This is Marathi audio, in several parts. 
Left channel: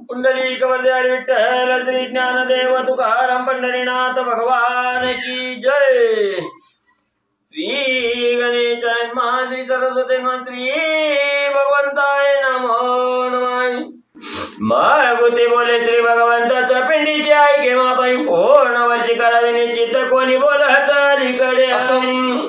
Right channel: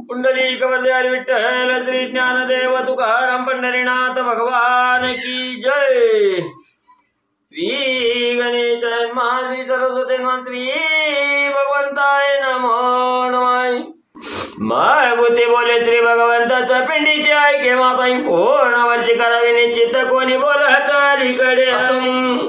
पुंडलिक वंदे विठ्ठल श्री ज्ञानदेव तुकाराम पंढरीनाथ भगवान की जय। श्री गणेशाय नमः, श्री सरस्वती नमः, श्री भगवंताय नमो नमः। मागुती बोले श्री भगवंताच्या पिंडीची ऐके माताई पूर्ण वर्षी करावी निश्चित कोणी बोलत अलीकडे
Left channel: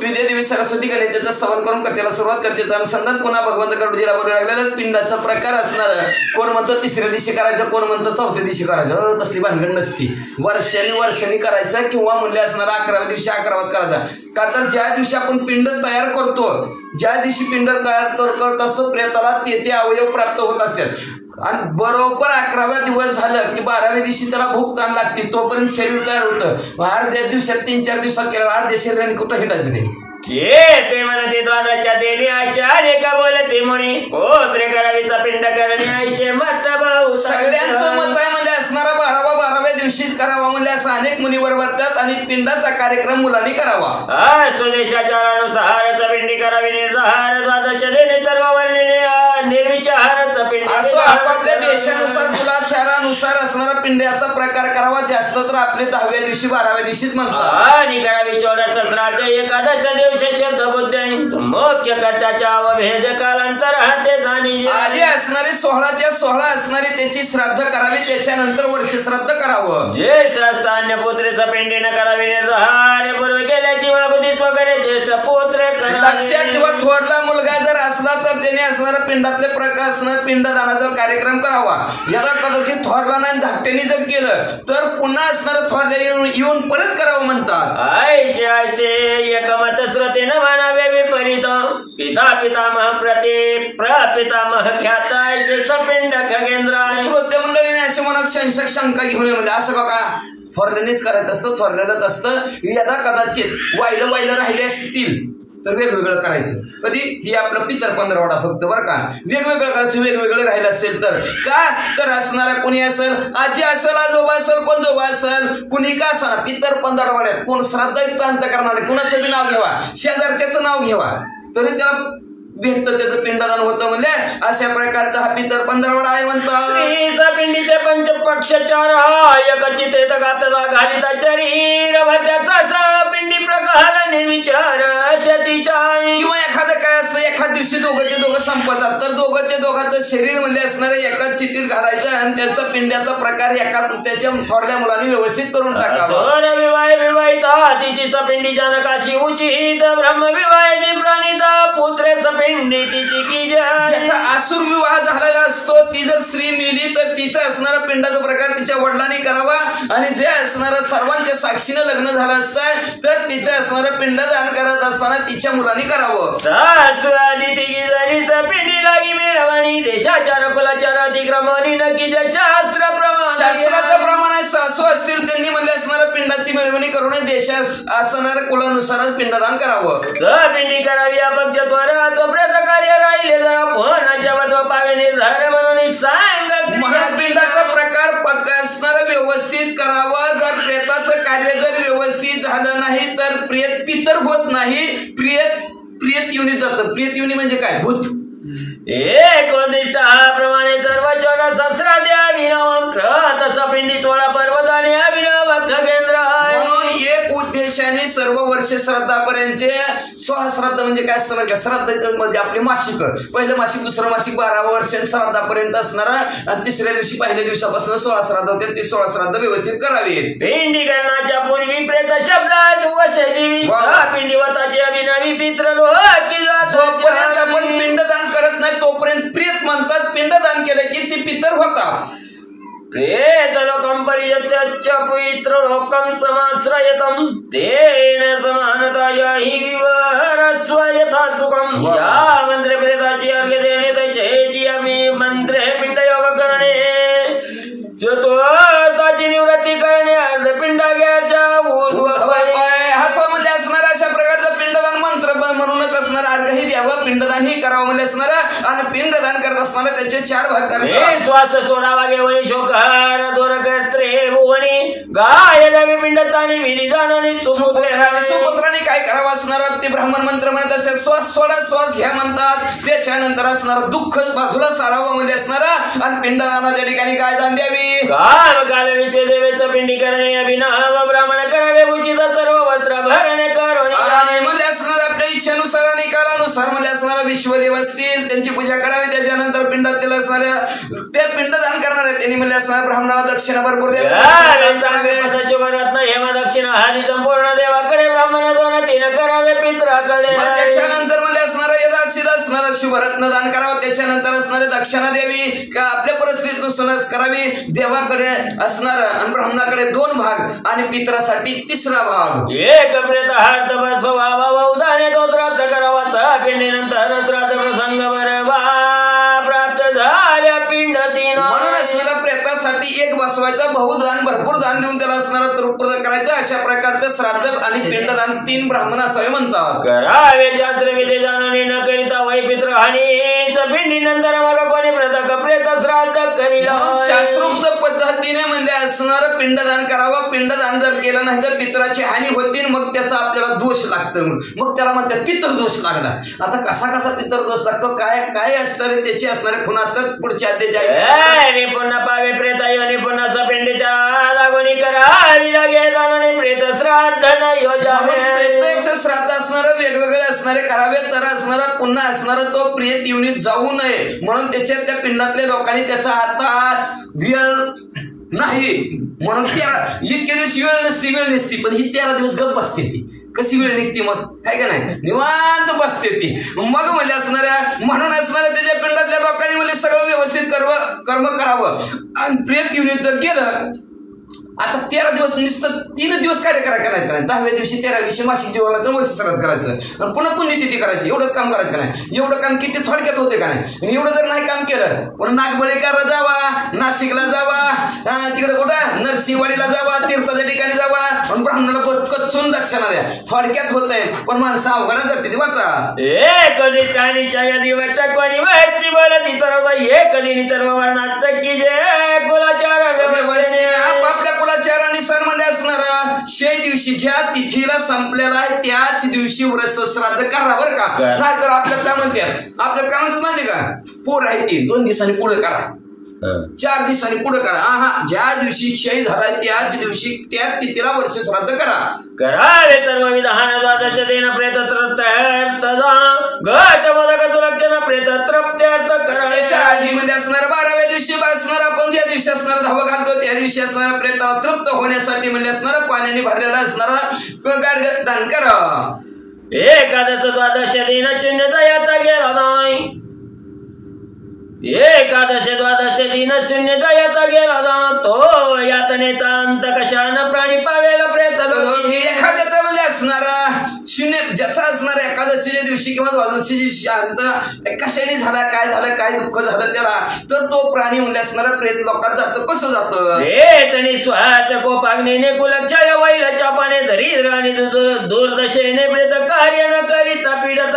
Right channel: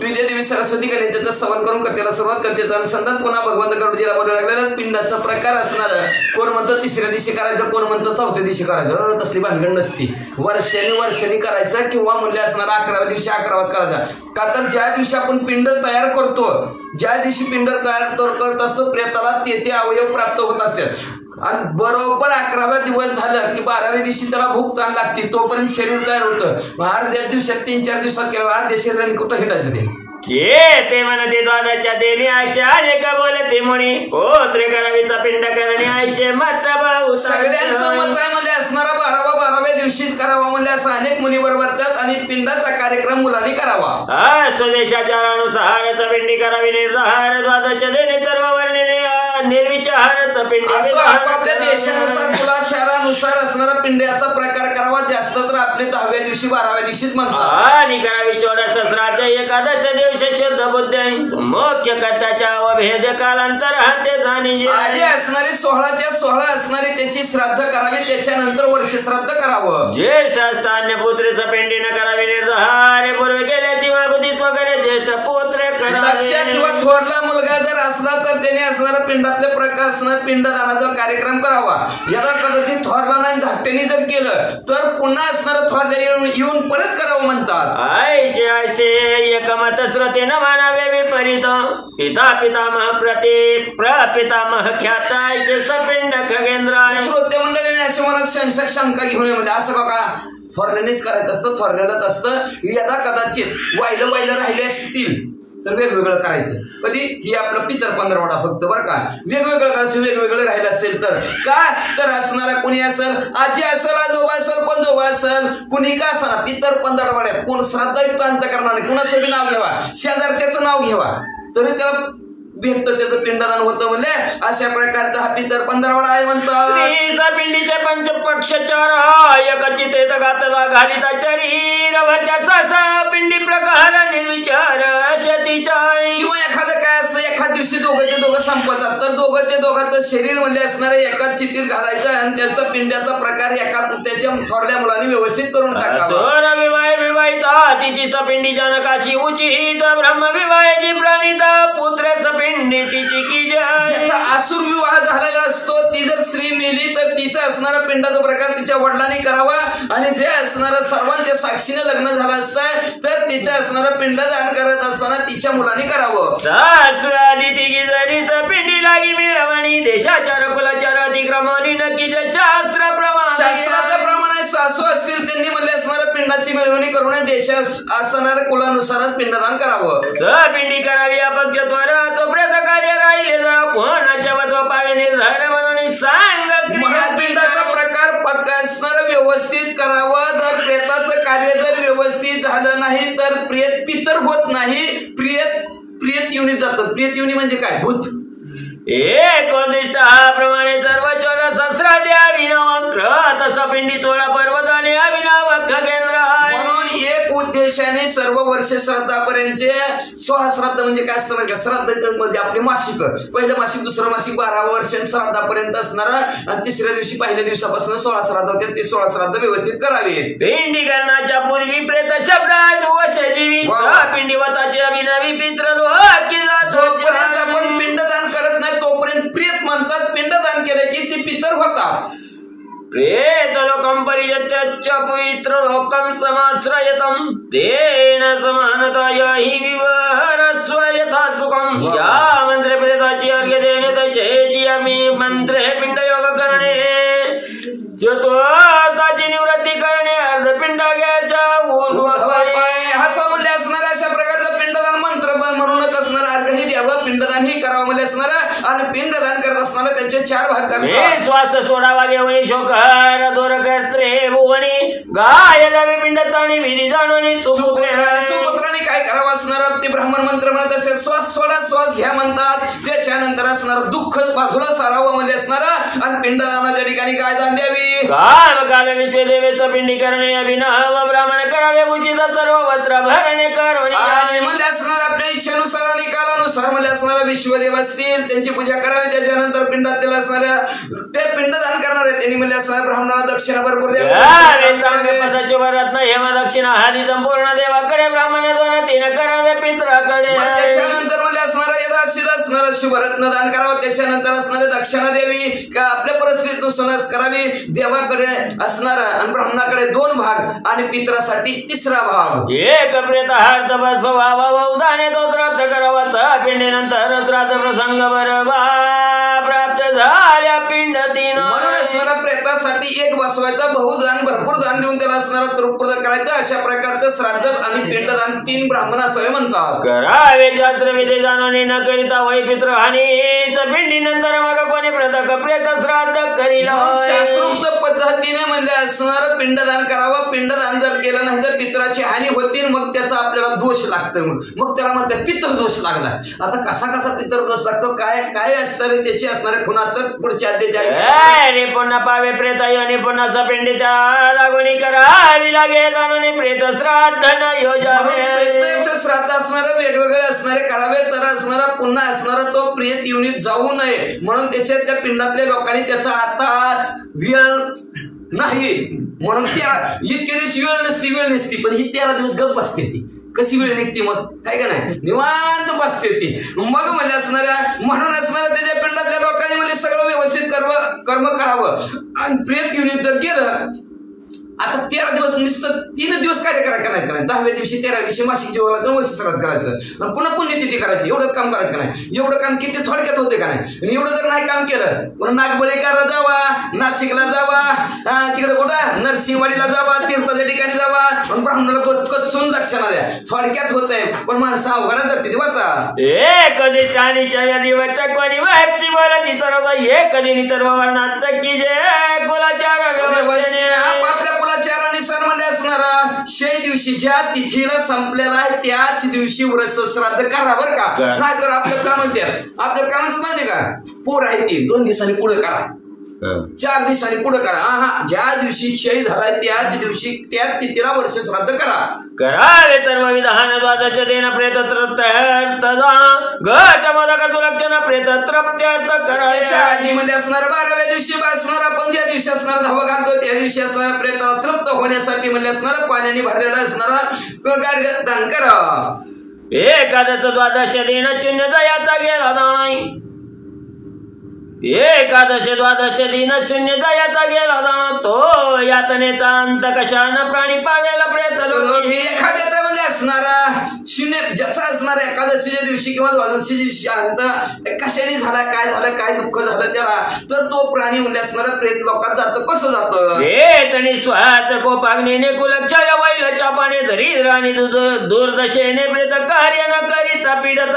विद्या देवी सरस्वती गणेशाचं स्तवन करून कथेला सुरुवात करते. अनुसंधान पुन्हा भगवंत गरुडजीला बोलू लागलेला पिंडाचा प्रकार असणार. कोण म्हणतं तिसऱ्या दिवशी करायचं, कोण म्हणतं चौथ्या दिवशी करायचं. तसली भानगड नसती. वर्षांनी करायचं किंवा मूल्य असणार 11व्या दिवशी 11वात करायचा. का तर ज्या दिवशी आपण पिंड तयार करतो, ज्या दिवशी पिंड तयार करत असतो प्रेताला ते अवयव प्राप्त होत असतात. आणि बरोबर 11व्या दिवस झालं की 12व्या दिवशी त्याला भूक ताण लागते. तोपर्यंत शरीर तयार होतं. अर्ध्या दिवसात 3-4 दिवसात केलं अर्ध्या शरीराने कुठं हिंडायचं नाही. ते म्हणते द्वादाच्या देणी आईच्या का बोलते म्हणे पोत्रे करावीचा पिंड करणे आईचे मत भाऊ. सगळ्यांचं मत आहे म्हणजे असणारा 12व्या दिवशीच करावा म्हणजे असं अनेक मुली बरोबर आणि पिंडाचा कार्यक्रम मुलांनी करावा. स्वदेशाच्या अनुसारच पिंडी करावी. निर्धार द्वादाच्या देणे सर्व वर्णने निर्विचारच पिंड असं आपापल्या देशानुसार कुलाचारानुसार असणारा पिंड्याचा प्रकार करावा. जास्त तर आपले 10व्या दिवशी 12व्या दिवशीच म्हणतात. आणि करावी 14 श्राद्ध एकादश दिवशी शुद्ध बुद्ध मुख्य कर्त्याच्या अवभेद कालांतर हाते जाणी आधी असणारी 16च्या 16 असणारी त्याची श्राद्ध करावी. त्याच्यानंतर वर्ष श्राद्ध करावं. ज्येष्ठ स्थान्य पुत्रेचं पिंडीनं करावी. निर्धार पूर्वी केल्याची मागुतीच वगैरे ज्येष्ठ पुत्र लक्षात ठेवा. थोरला मुलगा जर असला तर त्याने असणारा पिंडातले प्रकार असणार पिंडदानाचा कार्यक्रम करावा. याला कदाचित थोरला नाही धाकट्याने जर केलं तर पुन्हा असणार थोरल्या येऊन परत करावं म्हणतात. आयशे आयशे एकमत श्रोतेनं म्हणावे विपरीत पिता पितामह प्रपितामह ख्यात आयशे सपिंड खगेंद्र. श्रोते मंडळीने अशी मनात शंका घेऊन म्हणजे असं का थोरल्यानेच करायचं असतं, थोरल्यालाच असतं. याला कदाचित वाहिलं राहिले असतील तर वेगवेगळं करायचं. कधी ही आपलं पितर पंधरवडा फक्त बरं का. वेगवेगळं करायचं. वेगवेगळं राहिलं असेल तर का तर असणारा कोणी असेल, आजी असेल, आजोबा असेल, पंजोबा असेल, कुणी का असणार पितर पंधरवड्यात कोण श्राद्धयुक्त अंत करणार नाही. कुणाचं बी नाव घ्यावा, शेजारच्याचं नाव घ्यावा तरी त्याला भेटतं, त्याचं पिंडदान होतं. म्हणजे अशा प्रकारचा हा पितर पंधरवडा आहे म्हणतात. पिंडीचे पंचपक्ष चार एकचित घातला घालिता शरीर पिंडी प्रकार निर्विचार शतीचा. किंवा एखादं काय असतं एखाद दिवशी दोघं संपतात तर दोघांचं शरीर म्हणजे असणारे एकाच चित्तीत घालायचं आणि त्याचा पिंड्याचा प्रकार एका त्याच्या थोरल्या मुलांनी व्यवस्थित करून टाकावा. विवाहिता तिची पिंडी जनकाशी उचित ब्रह्मविवाहाची प्रणिता पुत्रेचं पिंडी तिची की ज्याचा आसुर विवाह झालेला असतो ती जर स्त्री मेली तर तिचा असणारा पिंडाचा प्रकार तिच्या वडिलांनी करावा. आणि जे असणारं सर्वांच्या साक्षीनं लग्न झालं असतं तर तिचं असणारं पिंडदान करत असताना तिच्या मुलांनी करावं. सासवादी तिघी जणीच पिंडी लागी मिळवणी देशाचार कुलाचार अतिक्रमणी नक्की शास्त्राच्या प्रमाणे सासू असतील त्यांनी म्हणले असणाऱ्या पिंडाची मिळवणी करू नये. देशात असणाऱ्या कुलानुसारच पिंडदान करावं. पिंडी करावी अपक्ष त्वराचोपर्यंत कार्य राहिले जरा पोहण्याच्या वत्व पावे निर्धार म्हणून सांग. पिंडाचा प्रकार पक्का असणारा व्यवस्थित करावं. जर प्रेताचं कार्य जर व्यवस्थित झालं नाही तर प्रेत पितर होत नाही, प्रियत युनी जातं. प्रियत युनी म्हणजे काय भूत. एक प्रमाणे सर्व 14 सहस्रा अभिनव तसं पिंडी 16 पर्वताने अभिनव खगेंद्र. म्हणून एक उद्देशाने सर्व वर्ष श्राद्धापर्यंतचे 16 श्राद्ध म्हणजे काय असतं का श्राद्ध मध्ये आपले मासिक पहिलं मासिक दुसरं मासिक 12 वर्ष श्राद्धापर्यंत असणारा आणि तिसऱ्या दिवशी पहिल्या दिवसापासून 16 श्राद्ध होते. ते 16 श्राद्ध व्यवस्थित करावे. पिंडी करण्याच्या पूर्वी प्रेत शब्दास वशजीवी पिंडीवताची अभिनवी पित्र जोपर्यंत आपण पिंडदान करत नाही तोपर्यंत प्रियत म्हणतात. पिंडदान केलं की ती पितर होतात. प्रेत लोकं परियत्य पवित्र लोकं समाश्रयतं तेन समानता याहि विवहरस्व यथा सुखं. या मंत्रे प्रेताची अर्घ्य देणे तैसेची आम्ही मंत्रे पिंड योग करणे चतुर्थाची निवृत्ती करणे अर्धपिंड घ्यायचा असं म्हणजे असणारा अशा प्रकारचा पिंडदान मंत्र म्हणूनच असणारा अर्घही द्यावं. पिंडदान ही करावं म्हणजे असणारा आणि पिंडदान करत असताना त्याचे 4 भाग करतात. श्वास सोडावा घेऊन शोकर दोर करत्रे भुवनी गाय जावे पिंडतानी विधी जाणवणी सुपुत्राने काय करावं असणार ते ब्राह्मण मंत्र म्हणत असते. श्वास सोडा श्वास घ्या म्हणतात. त्याच्यानंतर असणार दुःख बाजूला सारावं म्हणजे असणार आणि पिंडदानाच्या ठिकाणी काय दान द्यावी. काल काल विश्व देवेचं पिंडी करणे अभिनव ब्राह्मण करावे उचित सर्व वस्त्र भरणे आणि म्हणजे असणार आपल्या इच्छेनुसार आणि कालानुसार म्हणजे असणारा विश्वदेव असतील त्यांची पूजा करावी. त्याच्यानंतर पिंडात त्याला असणाऱ्या ते पिंडदान करणारे त्यांनी म्हणजे असणार ब्राह्मणाला दक्षिणा भरपूर द्यावी. हेम दक्षिणा हरी संपूर्ण देवाकडे ब्राह्मण 2-3 करावे पित्राकडे. त्याच्यानंतर म्हणजे असणारा यदाचित असणारा शुभरत्न दान करावं. त्याच्यानंतर असणारे दक्षिणा देवी का आपल्या परिस्थितीनुसार करावी. देवाकडे असणार आणि ब्राह्मणाकडे 2 भाग आणि पित्रासाठी 3रा भाग. एक प्रेत हार्थ बसवा उदाने तो प्राप्त करावा. पिंडीनंतर श्राद्ध प्रसंग बरबा प्राप्त झाल्या पिंड 3. म्हणून असणारा प्रेतासाठी 1 बसवायचा बहुदान भरपूर दान देऊन त्याला असणारा तृप्त करायचं. अशा प्रकारचं श्राद्ध आणि पिंडदान 3 ब्राह्मण असावे म्हणतात. करावे शास्त्र विधी जाणून न करिता वै पित्र हानीच पिंडीनंतर मग कोणी प्रत प्रेत श्राद्ध करीला. शास्त्रोक्त पद्धतीने म्हणजे असणारं पिंडदान करावं. पिंडदान जर केलं नाही तर पित्राची हानी होती. मग त्याचा आपल्याला दोष लागतो. मग त्याला म्हणतात पितृदोष लागला. आता कसा पितृदोष लागतो काय काय असणार त्याची असणारे खुणा असतात पुढच्या अध्यायात. पुन्हा पावे प्रेत आणि पुन्हा पिंडीच्या लागोनी करावी लागेल आणि प्रेत श्राद्ध न योजावे. श्राद्ध असणारं वेगवेगळे असणारे करावे. तर असणारा पुन्हा असणारा तो प्रेत युनिट जाऊ नये म्हणून त्याच्या त्या पिंडातल्या लोकांनी त्याचा आताच वेळ नाही म्हणून इतके दिवस वेळ नसती पण ही 13 दिवस गप बसते. ती कशी वेळ निघते मग काय का नाही निवांत बसते ती. मग म्हणजे असणाऱ्या म्हणून असणाऱ्या त्याच्या पिंडातल्या लोकांनी म्हणजे सगळं व्यवस्थित कर्म करावं. आणि प्रेत युनिट जर गेलं आता 13 दिवस नुसतं 3 दिवस कार्य करायचं नाही. 10व्या दिवशी 13व्या दिवशी मासिक जीवाला तर वर्ष श्राद्ध करायचं आणि पुन्हा पुण्यतिथी करायची. एवढंच काम करायचं नाही. एवढं काम किती थोडक्यात होते का नाही. आणि एवढं जर नाही काम केलं पुन्हा नागबळीकरला जावा, नाशिकला जावा, तिकडे कुठं नरसिंहवाडीला जावा, तीर्थाच्या ठिकाणी जावा आणि ब्राह्मणाला कचून दक्षिणा द्या. थोडक्यात होत आहे पण माणसं अवघडात जाते. वाचा कधी चाणीच्या दिवस कोणी वरची बोलती तर कधी सर्व वर्णात की जे कुलाचार आपल्या कुलाचारानुसार मध्ये असणारा 6 दिवशी ज्या तिथीला संपलेला आहे त्याच दिवशी व्रत श्राद्ध करा बरं का. नाहीतर आपल्याला काय म्हणतात माहिती का पोर आहे ती 2 दिवसांनी पुढे करा 4 दिवसांनी पुढे करा. ज्या दिवशी क्षय झालाय त्याच दिवशी त्याच तिथीला वर्ष श्राद्ध करावे. सर्व विधान द्वादश दिन प्रेत घट मदक सुलक्षण प्रेत तृप्त्यर्थ करायच्या आधी मध्ये असणार 12व्या दिवशी असणार आपण ज्या दिवशी असणार धावा घालतो त्या दिवशी असणार प्रेताला तृप्त होण्यासाठी म्हणजे असणार पाण्याने भरलेला असणारा दान करा. एकादश द्वादश दिन शून्यचा याचा गेला नाही. एकादश द्वादश दिन शून्यचा याचा गेला जाणं तो यातनेचा अंत कशानं प्राणी पावेला प्रेत. एखाद्याचा म्हणजे असणारा 0 ज्याचा असणारा एकादशीच्या दिवशी किंवा द्वादशी दिवशी अंत कशाने झाला काय झालं काय दुःख झालं त्याला तर तो प्राणी म्हणजे असणारा प्रेत लोकात जातं. कसं जातं प्रेतनी श्वास कोपाग्नीने कुलक्षय वैलच्या पाने धरी राणी दुर्दशेने प्रेत कार्य न करिता पीडत.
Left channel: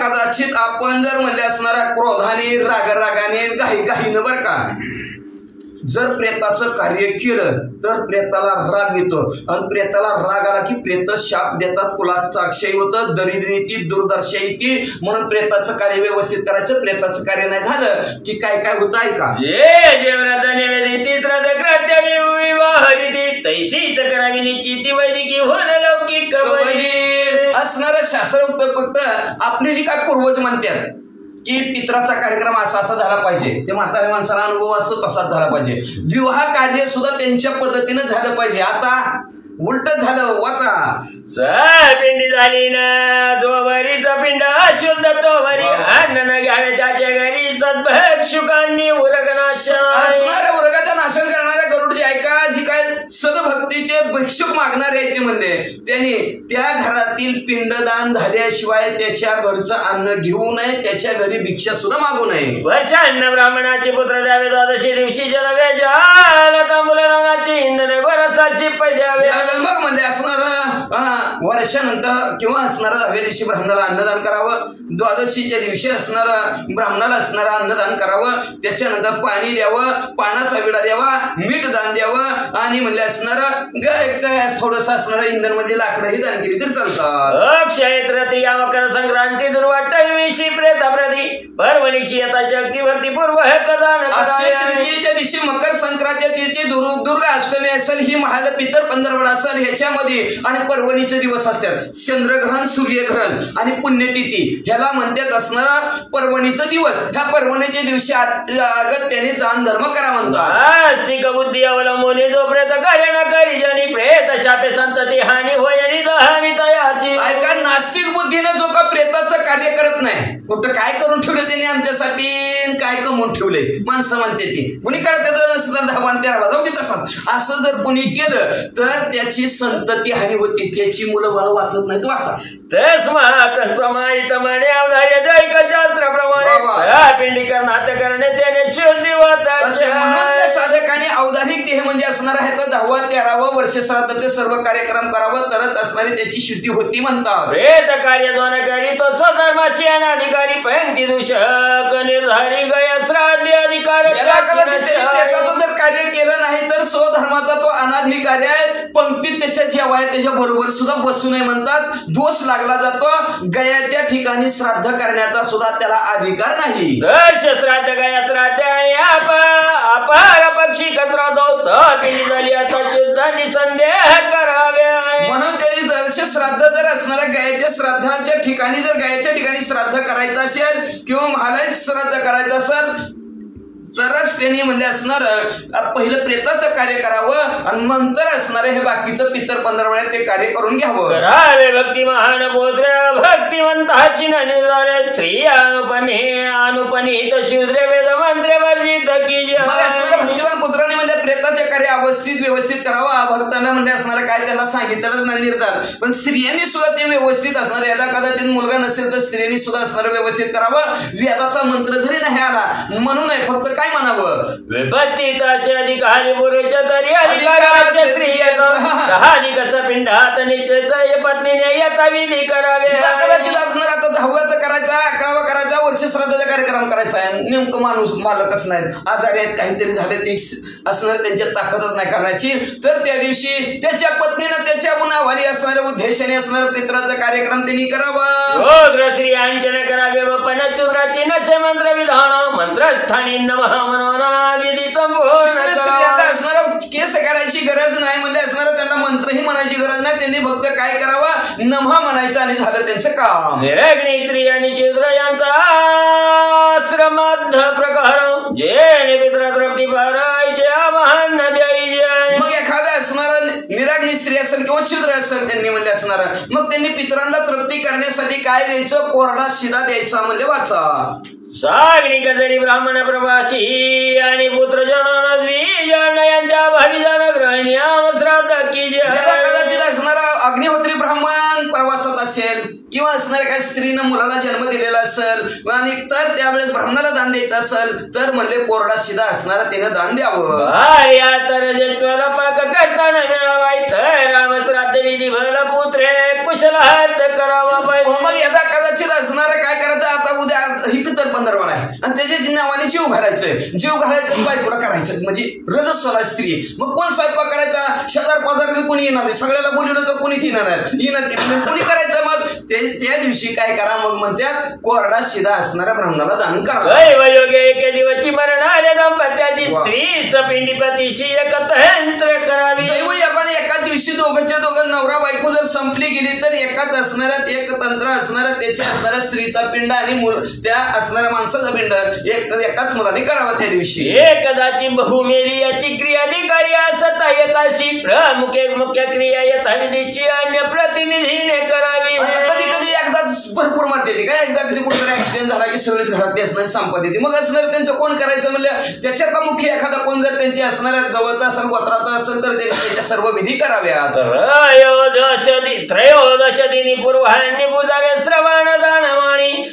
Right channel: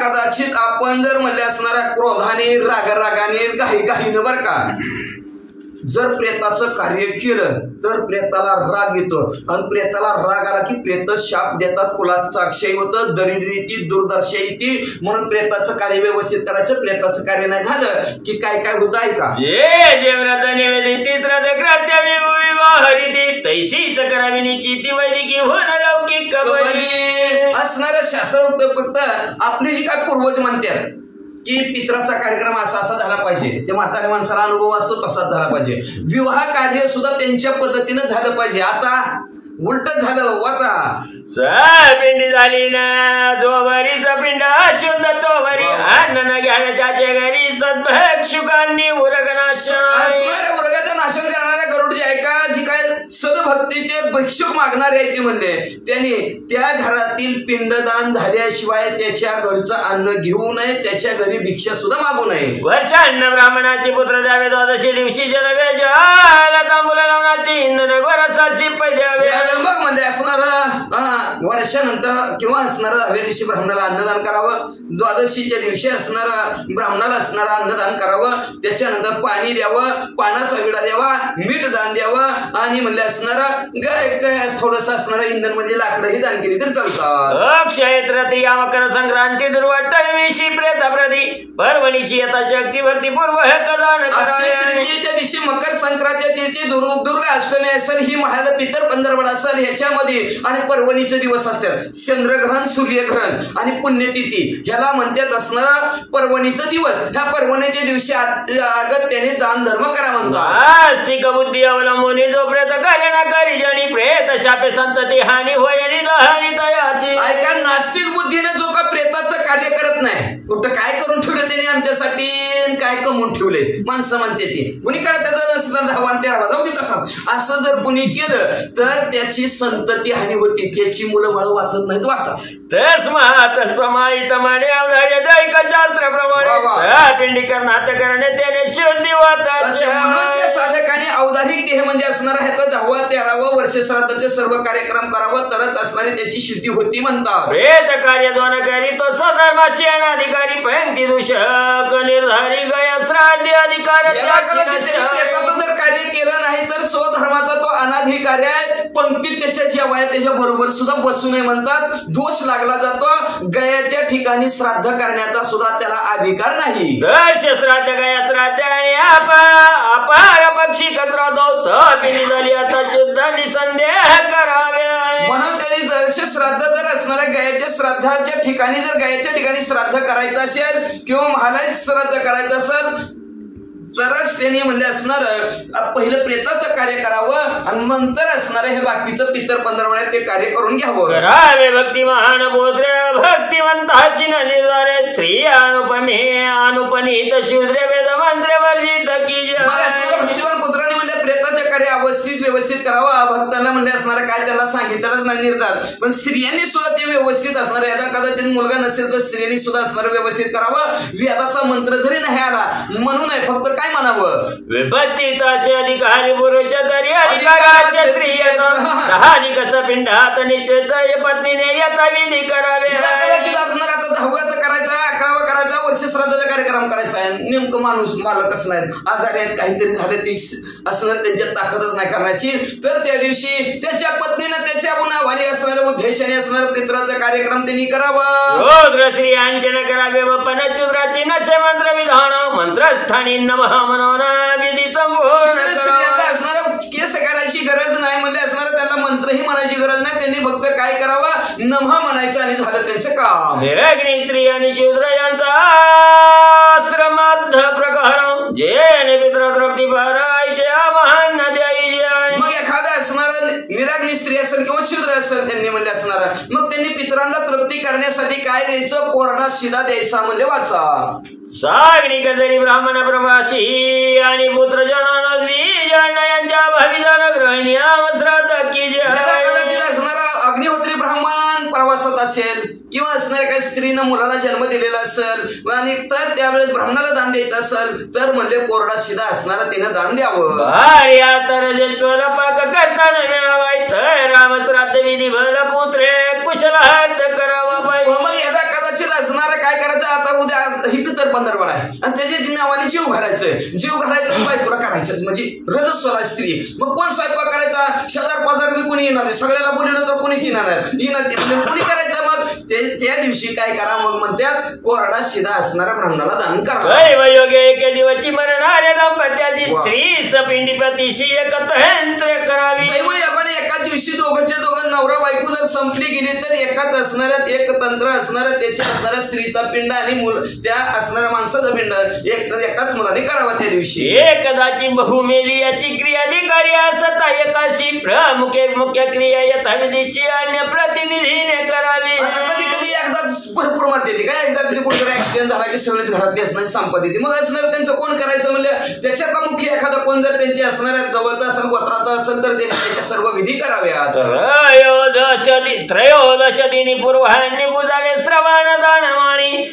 कदाचित आपण जर म्हणजे असणारा क्रोधाने रागाने काही बर का जर प्रेताचं कार्य केलं तर प्रेताला राग येतो आणि प्रेताला राग आला की प्रेत शाप देतात. कुलाचा अक्षय होतं, दरिद्री येते, दुर्दशा येते. म्हणून प्रेताचं कार्य व्यवस्थित करायचं. प्रेताचं कार्य नाही झालं की काय होतं ऐका. जे व्रत निवेदित विवाहरीती तैशीच करावी निश्चिती वैदिकी होण लौकिक असणाऱ्या शास्त्रोक्त फक्त आपली जी काय पूर्वज म्हणतात की पित्राचा कार्यक्रम असा झाला पाहिजे. ते म्हाताऱ्या माणसाला अनुभव असतो तसाच झाला पाहिजे. विवाह कार्य सुद्धा त्यांच्या पद्धतीनं झालं पाहिजे. आता उलट झालं. वाचा पिंडी झाली ना जोवरीच पिंड अशुद्ध तोवरी अन्न न घ्यावे त्याच्या घरी सद्भक्षुकांनी उरगनाश असणाऱ्या उरगाचं नाशन करणाऱ्या गरुड जे ऐका जी काय सदभक्तीचे भिक्षुक मागणारे आहेत ते म्हणले, त्याने त्या घरातील पिंडदान झाल्याशिवाय त्याच्या घरचं अन्न घेऊ नये, त्याच्या घरी भिक्षा सुद्धा मागू नये. वर्षान्न ब्राह्मणाचे पुत्र द्यावे, द्वादशी दिवशी जनवे जाला तांबूलाची इंधन गोरसाची पै द्यावे. मग म्हणजे असणार वर्षानंतर किंवा असणार 10व्या दिवशी ब्राह्मणाला अन्नदान करावं, द्वादशीच्या दिवशी असणार ब्राह्मणाला असणार अन्नदान करावं, त्याच्यानंतर पाणी द्यावं, पानाचा विडा द्यावा, मीठ दान द्यावं आणि म्हणले असणार थोडस असणार इंधन म्हणजे लाकडंही दान केली तर चालतात. अक्षय तृतीया मकर संक्रांती दुर्वाटविषी प्रेताप्रती परवणीची येता शक्ती भक्तीपूर्व हे कदान. अक्षय तृतीयेच्या दिवशी मकर संक्रांती तिथी दुर्गा अष्टमी असेल, ही महाल पितर पंधरवडा असेल ह्याच्यामध्ये, आणि पर्वणीचे दिवस असतात, चंद्रग्रहण सूर्यग्रहण आणि पुण्यतिथी ह्याला म्हणतात असणारा पर्वणीचा दिवस. ह्या पर्वणीच्या दिवशी त्याने दान धर्म करा म्हणतात. आस्तिक बुद्धी अवलंबून जो प्रेत कार्य न करी जनी प्रेत शापे संतती हानी होय आणि दहानी तयाची. ऐका, नास्तिक बुद्धीने जो का प्रेताचं कार्य करत नाही, कुठं काय करून ठेवलं त्याने आमच्यासाठी, काय कमवून ठेवले माणसं म्हणते ती, कुणी करत नसतं 10-13 जाऊ दे तसा. असं जर कुणी केलं तर त्याची संतती हानी होती, त्याची मुलं मला वाचत नाहीत वाचा. तस्मात समाहित म्हणे अवधार्य दैक शास्त्राप्रमाणे पिंडीकर नाट्य करणे त्याने शुद्धी होतात. साधकाने औदारिक देह म्हणजे असणारा ह्याचा 10वा 13वा वर्ष श्राद्धाचे सर्व कार्यक्रम करावं, तरच असणारी त्याची शुद्धी होती म्हणतात. वेद कार्य दोन करी तो स्वधर्माची अनाधिकारी पंक्ती दूषक निर्धारी गया श्राद्ध अधिकार. जर कार्य केलं नाही तर स्वधर्माचा तो अनाधिकारी आहे, पंक्तीत त्याच्या जेवाय त्याच्या बरोबर सुद्धा बसू नये म्हणतात. दोष लागला जातो, गयाच्या ठिकाणी श्राद्ध करण्याचा सुद्धा त्याला अधिकार नाही. दर्श श्राद्ध गया श्राद्ध आणि अपार पक्षी कचरा दोष पिढी झाली आता शुद्ध निसंदेह करावे. म्हणून त्यांनी दर्श श्राद्ध जर असणाऱ्या गायाच्या श्राद्धाच्या ठिकाणी जर गायाच्या ठिकाणी श्राद्ध करायचं असेल किंवा महालाय श्राद्ध करायचं असेल तरच त्यांनी म्हणजे असणार पहिलं प्रेताचं कार्य करावं आणि नंतर असणार हे बाकीचं पितर 15 वेळा ते कार्य करून घ्यावं. करावे भक्ती महान बोध्र भक्तिवंताची निर्धारे स्त्री अनुपनीत शूद्र वेद मंत्र वर्जित की. मग असणाऱ्या भक्तिवान पुत्राने म्हणजे प्रेताचे कार्य व्यवस्थित करावं. भक्तांना म्हणजे असणारं काय त्याला सांगितलंच नाही निर्धार, पण स्त्रियांनी सुद्धा ते व्यवस्थित असणार. याला कदाचित मुलगा नसेल तर स्त्रियांनी सुद्धा असणार व्यवस्थित करावं. वेदाचा मंत्र जरी नाही आला म्हणून नाही, फक्त काय म्हणावं, विभक्तीताचे अधिकारी पुरुष तरी अधिकाराचे स्त्रिय साहजिक पिंडात निश्चित पत्नीने यथा विधी करावे. कदाचित असणार आता 10वाचा करायचा, 11वा करायचा, वर्ष श्राद्धाचा कार्यक्रम करायचा आहे. नेमकं माणूस मालकच नाहीत, आजारी आहेत, काहीतरी झाले ते असणार, त्यांच्यात ताकदच नाही करण्याची, तर त्या दिवशी त्याच्या पत्नीनं त्याच्या गुणावाली असणाऱ्या उद्देशाने असणारं पित्राचा कार्यक्रम त्यांनी करावा. रोद्र स्त्रियांचे करावे व पनचुद्राची नचे मंत्र विधान मंत्रस्थानी नमः मनोना विधी संपूर्ण. स्त्रियांना असणारं केस करायची गरज नाही म्हणजे असणारं त्यांना मंत्रही म्हणायची गरज नाही. त्यांनी फक्त काय करावा, नमः म्हणायचं आणि झालं त्यांचं काम. निरग्नी स्त्री आणि शूद्र यांचा श्रमद्ध प्रकार जे पित्र तृप्ती महान द्याई जाय. मग एखादा असणार निराग्नी स्त्री असेल किंवा शूद्र असेल त्यांनी म्हणजे असणार, मग त्यांनी पितरांना तृप्ती करण्यासाठी काय द्यायचं, कोरडा शिदा द्यायचा म्हणजे वाचा. सागरिक जरी ब्राह्मण प्रवासी आणि पुत्र जनाद्वी यांच्या भावी जाण ग्रहणी श्राद्ध की. कदाचित असणारा अग्निहोत्री ब्राह्मण प्रवासात असेल किंवा असणाऱ्या काही स्त्रीनं मुलाला जन्म दिलेला असेल आणि तर त्यावेळेस ब्राह्मणाला दान द्यायचं असेल तर म्हणले कोरडा शिदा असणारा तिनं दान द्यावं. तर पाक करताना मिळावा तर रामश्राद्ध विधी भर पुत्रे कुशलार्थ करावा पाहिजे. मग याचा कदाचित असणारा काय करायचं, आता उद्या ही पितर 15 वेळा आहे आणि त्याच्या नावाने जीव घालायचंय, जीव घालायचं बायकोला करायचं म्हणजे रजस्वला स्त्री. मग कोण स्वयंपाक करायचा, शेजार पाजार कोणी येणार आहे, सगळ्याला बोलवलं तर कोणीच येणार म्हणजे कोणी करायचं. मग त्या दिवशी काय करा, मग म्हणतात कोरडा शिदा असणाऱ्या ब्राह्मणाला दान करा. योग्य एके दिवशी मरणाऱ्या दाम्पत्याची स्त्री सपिंडी प्रतिशी एकत्र करावी. दैवयोगाने एका दिवशी दोघंच्या दोघं नवरा बायको जर संपली गेली तर एकाच असणाऱ्या एक तंत्र असणाऱ्या त्याच्या असणाऱ्या स्त्रीचा पिंड आणि त्या असणाऱ्या माणसाचा पिंड एकाच मुलाने करावा त्या दिवशी. एकदाची बहुमेली याची क्रियाधिकारी असता एकाशी प्रमुख मुख्य क्रिया यथाविधीची अन्य प्रतिनिधीने करावी. कधी कधी एकदाच भरपूर मारते काय, एकदा कधी कुठेतरी ऍक्सिडेंट झाला की सगळेच घरातली असणारी संपत्ती मग असणार त्यांचं कोण करायचं म्हणलं त्याच्यातला मुख्य एखादा कोण जर त्यांच्या त्यांची असणाऱ्या जवळचा असेल गोत्रात असेल तर त्यांनी त्याच्या सर्व विधी कराव्यात. त्रयोदशदिनी पूर्वाह्नी पूजावे श्रवण दानमणी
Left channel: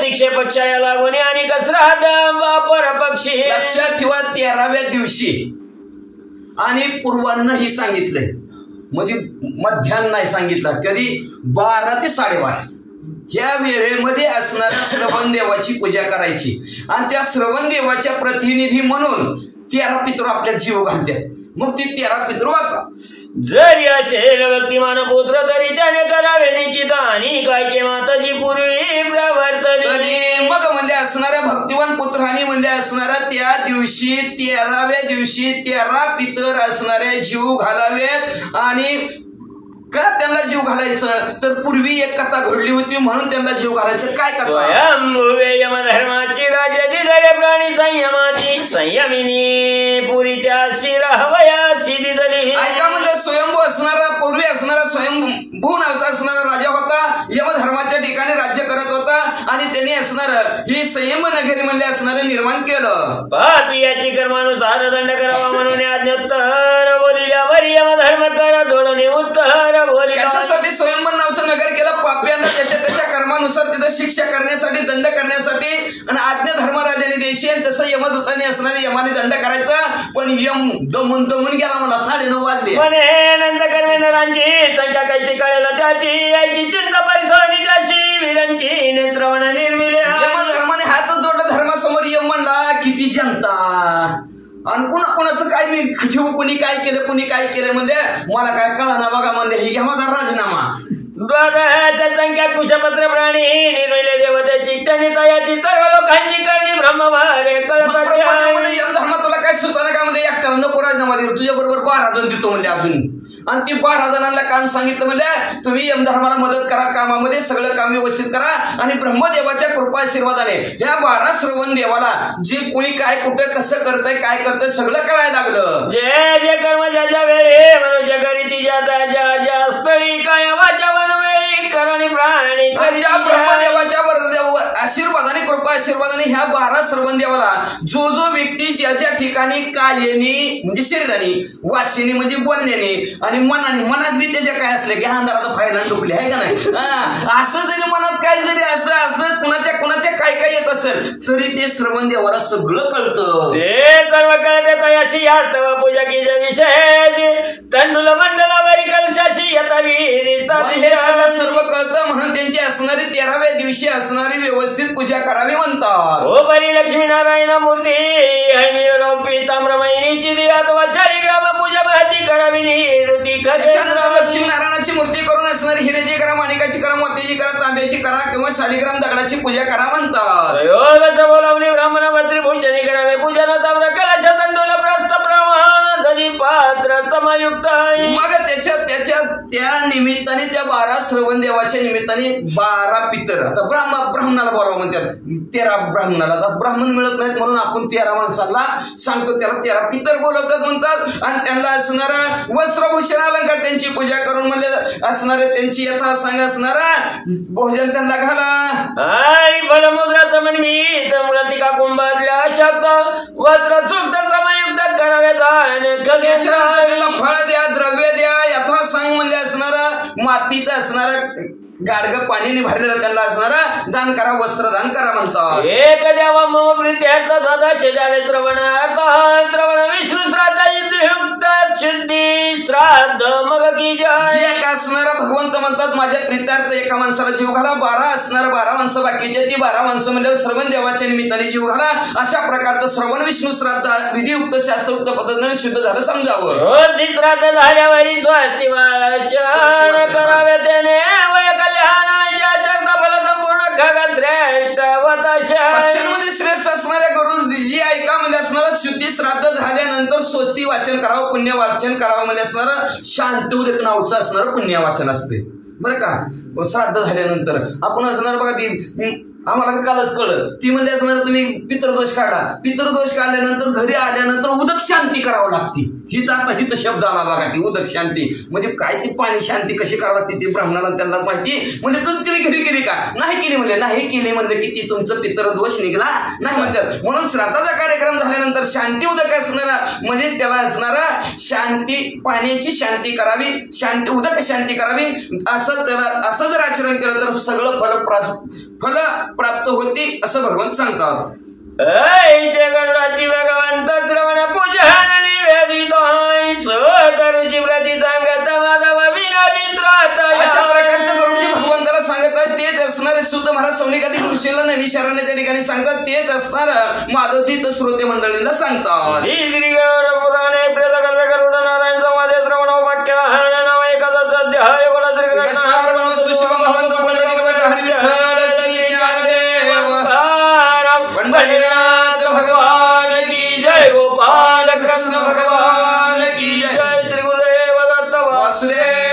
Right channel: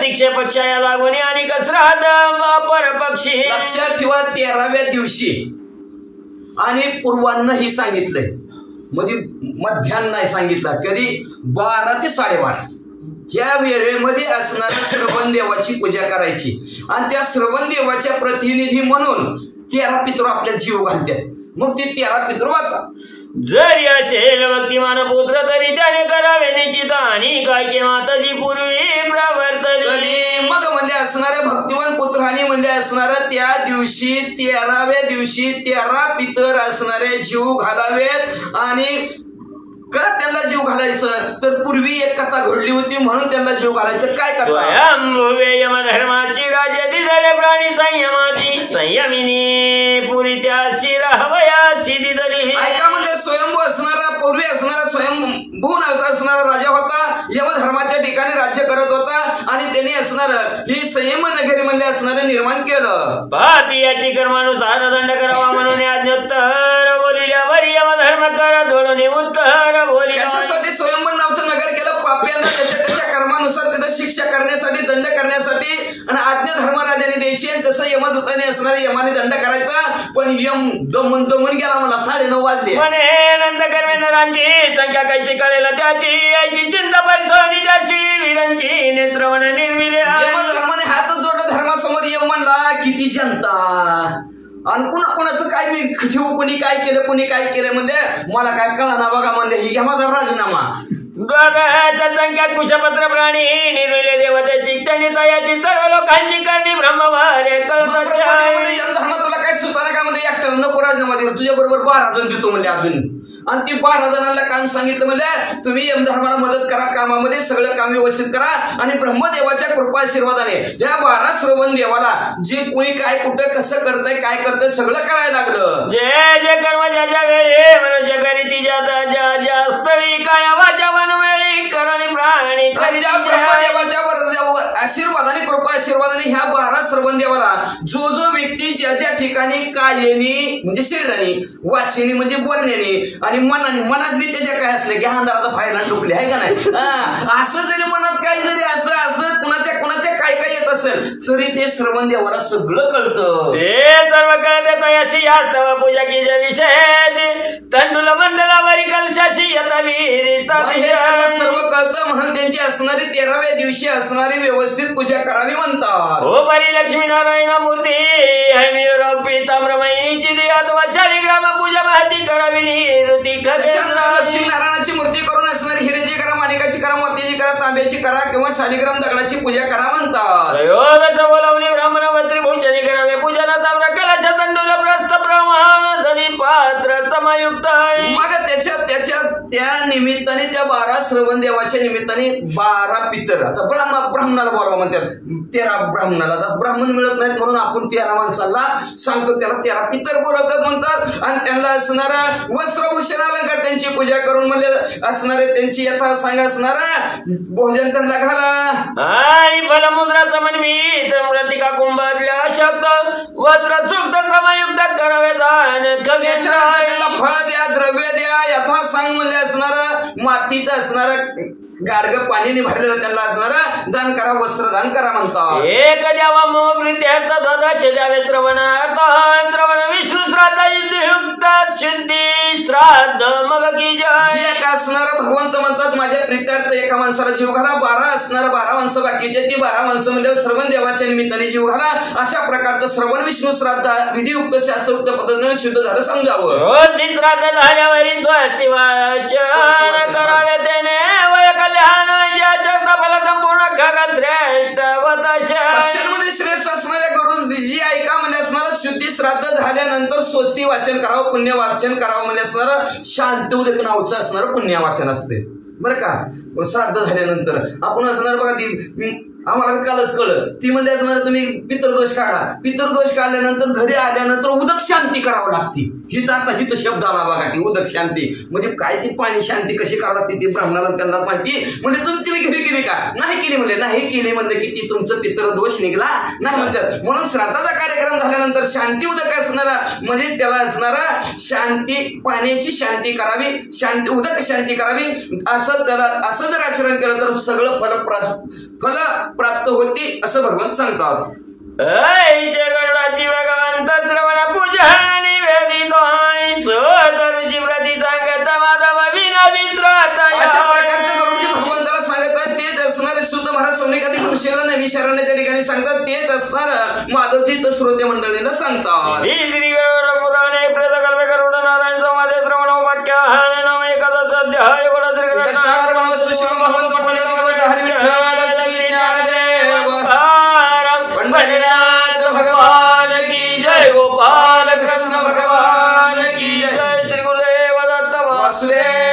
शिक्षे पक्षाया लागून आणि श्राद्ध अपर पक्षी. लक्षात ठेवा 13व्या दिवशी आणि पूर्वांनाही सांगितलंय म्हणजे मध्यान्न नाही सांगितलं. कधी 12 ते 12:30 ह्या वेळेमध्ये असणाऱ्या श्रवण देवाची पूजा करायची आणि त्या श्रवण देवाच्या प्रतिनिधी म्हणून 13 पितृ आपल्या जीव घालतात. मग ती 13 पितृ वाचा. जरी असेल भक्तिमान पुत्र तरी त्याने करावे निश्चित आणि काय के माताजी पूर्वी प्रवर्तली. मग म्हणजे असणाऱ्या भक्तिवान पुत्र आणि म्हणजे असणाऱ्या त्या दिवशी 13व्या दिवशी 13 पितर असणारे जीव घालावेत. आणि का त्यांना जीव घालायचं तर पूर्वी एक कथा घडली होती म्हणून त्यांना जीव घालायचं. काय कथा? यमधर्माची राज्य दिदले प्राणी संयमाची संयमिनी पुरी त्याशी राहावयाशी दिदली. ऐका म्हणजे स्वयंभू असणारा पूर्वी असणारा स्वयंभू नावाचा असणारा राजा होता. यमधर्माच्या ठिकाणी राज्य करत होता आणि त्यांनी असणार ही संयम नगरी मध्ये असणारे निर्माण केलं. पापी याची कर्मानुसार दंड करावा म्हणून आज्ञोत्तर बोलिल्यावर यमधर्म कर जोडणे उत्तर. कशासाठी स्वयंभू नावचं नगर केलं? पाप्यांना त्याच्या कर्मानुसार तिथं शिक्षा करण्यासाठी दंड करण्यासाठी आणि आज्ञा धर्मराजाने द्यायची आणि तसं यमदूताने असणारे यमाने दंड करायचा. पण यम दमून गेला. मला 9:30 वाजले. नंतर कर्मेंद्रांची संख्या कैसी कळेल त्याची याची चिंता परिसरी त्याची वीरांची नेत्रवण निर्मिले. यमधर्माने हात जोडला धर्मासमोर. यम म्हणला किती जनता आणि कुणाचं काय मी ठेवू, कोणी काय केलं कोणी काय केलं म्हणजे मला काय कळना बघा म्हणले. ही घ्या माझा राजीनामा. संख्या कुशपत्र प्राणी निर्मिले देवतेची त्यांनी तयाची सर्व लोकांची करणी ब्रह्मवारे कळत. धर्म तुला काय सुचना का म्हणजे एकट्याला नको राजीनामा देऊ, तुझ्या बरोबर 12 जण देतो म्हणजे अजून. आणि ती 12 जणांना काम सांगितलं म्हणजे तुम्ही यमधर्माला मदत करा कामामध्ये, सगळं काम व्यवस्थित करा. आणि ब्रह्मदेवाच्या कृपा आशीर्वादाने ह्या 12 श्रवण देवाला जे कोणी काय कुठं कसं करतंय काय करतंय सगळं कळायला लागलं. जे कर्म ज्याच्या वेळी मनुष्य करी ती ज्या स्थळी काय वाचा वनवेळी करणी प्राणी. आणि त्या ब्रह्मदेवाच्या आशीर्वादाने कृपा आशीर्वादाने ह्या 12 श्रवण देवाला जो व्यक्ती ज्याच्या ठिकाणी कायेनी म्हणजे शरीराने, वाचेने म्हणजे बोलण्याने आणि मनाने, मनात बी त्याच्या काय असले की अंधाराचा फायदा डुकले आहे का नाही. असं जरी मनात काय जरी असं कुणाच्या काय काय येत असेल तरी ते श्रवण देवाला सगळं कळतं. ते सर्व कळते तयाशी यास्तव पूजा की विषयाची तंडुल मंडलावरी कलशाशी सर्व कळतं म्हणून त्यांची असणारी 13व्या दिवशी असणारी व्यवस्थित पूजा करावी म्हणतात. हो परी लक्ष्मीनारायण मूर्ती ताम्रमयीची अथवा शालिग्राम पूजा माहिती करावी. लक्ष्मीनारायणाची मूर्ती करून असणारी हिरेची करा, माणिकाची करा, मोत्याची करा, तांब्याची करा किंवा शालिग्राम दगडाची पूजा करा म्हणतात. बोलावणी ब्राह्मण मंत्री भोजनी करावे पूजन ताम्र कलाच्या तंडूला प्रस्थ प्रमाण दधी पात्र समयुक्त. मग त्या निमित्ताने त्या 12 श्रवण देवाच्या निमित्ताने 12 पितर. आता ब्राह्मणाला बोलावं म्हणतात 13 ब्राह्मणाला. आता ब्राह्मण मिळत नाहीत म्हणून आपण 13 माणसाला सांगतो त्याला 13 पितर बोलवतात म्हणतात. आणि त्यांना असणारा वस्त्रभूषण अलंकार त्यांची पूजा करून म्हणजे असणारे त्यांची यथा सांग असणारा भोजन त्यांना घाला. आणि फलमुद्रा समन्वित मृतिका कुंभातल्या शब्द वस्त्र सुक्त समयुक्त करावे त्याला फळ द्या, द्रव्य द्या, यथा सांग म्हणजे असणारा मातीचं असणारा गाडग पाण्याने भरलेलं त्यांना असणारा दान करा, वस्त्र दान करा म्हणतात. एक द्यावा मम प्रीत्यर्थ द्वादश द्यावे श्रवणार्थ श्रवण विष्णू श्राद्ध युक्त शुद्धी श्राद्ध मग की जय. एक असणारा भगवंत म्हणतात माझ्या प्रीत्यार्थ एका माणसाला जीव घाला. 12 असणारा 12 माणसं बाकीचे ती 12 माणसं म्हणजे श्रवण देवाच्या निमित्ताने जीव घाला. अशा प्रकारचं श्रवण विष्णू श्राद्ध विधियुक्त शास्त्रोक्त पद्धतीने शुद्ध झालं समजावं. श्राद्ध झाल्यावर स्वस्ती वाचन करावे त्याने वय कल्याणाच्या चरता फल संपूर्ण खग श्रेष्ठ पक्षांमध्ये श्रेष्ठ असणाऱ्या गुरु जी ऐका म्हणजे असणारा शुद्धी श्राद्ध झाल्यानंतर स्वस्ती वाचन करावं, पुण्य वाचन करावं म्हणजे असणारं शांती उदक नावचं असणारं पुण्य वाचन असते बरं का. श्राद्ध झाल्यानंतर आपण असणार बघा ती आम्हाला कालच कळलं ती म्हणजे असणार तुम्ही पितृदोष काढा पितृदोष काढल्यानंतर घरी आल्यानंतर उदक शांती करावं लागते ही तर आता हित शब्द आला बघा ती उदक शांती म्हणजे काय ती पाणी शांती कशी करावं लागते ती ब्राह्मणाला त्यांना माहिती म्हणजे तुम्ही घरी केली का नाही केली म्हणले नाही केली म्हणलं की ती तुमचं पितृदोष निघला नाही म्हणतात म्हणून श्राद्धाचा कार्यक्रम झाल्यानंतर शांती उदक असणारा म्हणजे त्याला असणारा शांती पाण्याची शांती करावी शांती उदक शांती करावी असं त्याला असं जर आचरण केलं तर सगळं फल प्राप्त होती असं भगवंत सांगतात गरुडाची भगवंत श्रवण पूजन निवेदित स्वतरुची प्रति सांगत माधव विश्रात अशा प्रकारच्या गरुडजी भगवंताला सांगतात तेच असणारे सुद्ध महाराज सौनिकाधिक ऋषीला नवी शरण्य त्या ठिकाणी सांगतात तेच असणार माधवजी तर श्रोते मंडळीला सांगतात श्री गरुड पुराणे प्रेतकल्प गरुड नारायण संवादे श्रवण वाक्य नाम एकादश अध्याय श्री कृष्णार्पण वस्तु शिवम भगवंत पुंडलिक वरद हरी विठ्ठल श्री ज्ञानदेव पंढरीनाथ भगवान की जय गोपाल कृष्ण भगवान की जय श्री गुरुदेव दत्त वासुदेव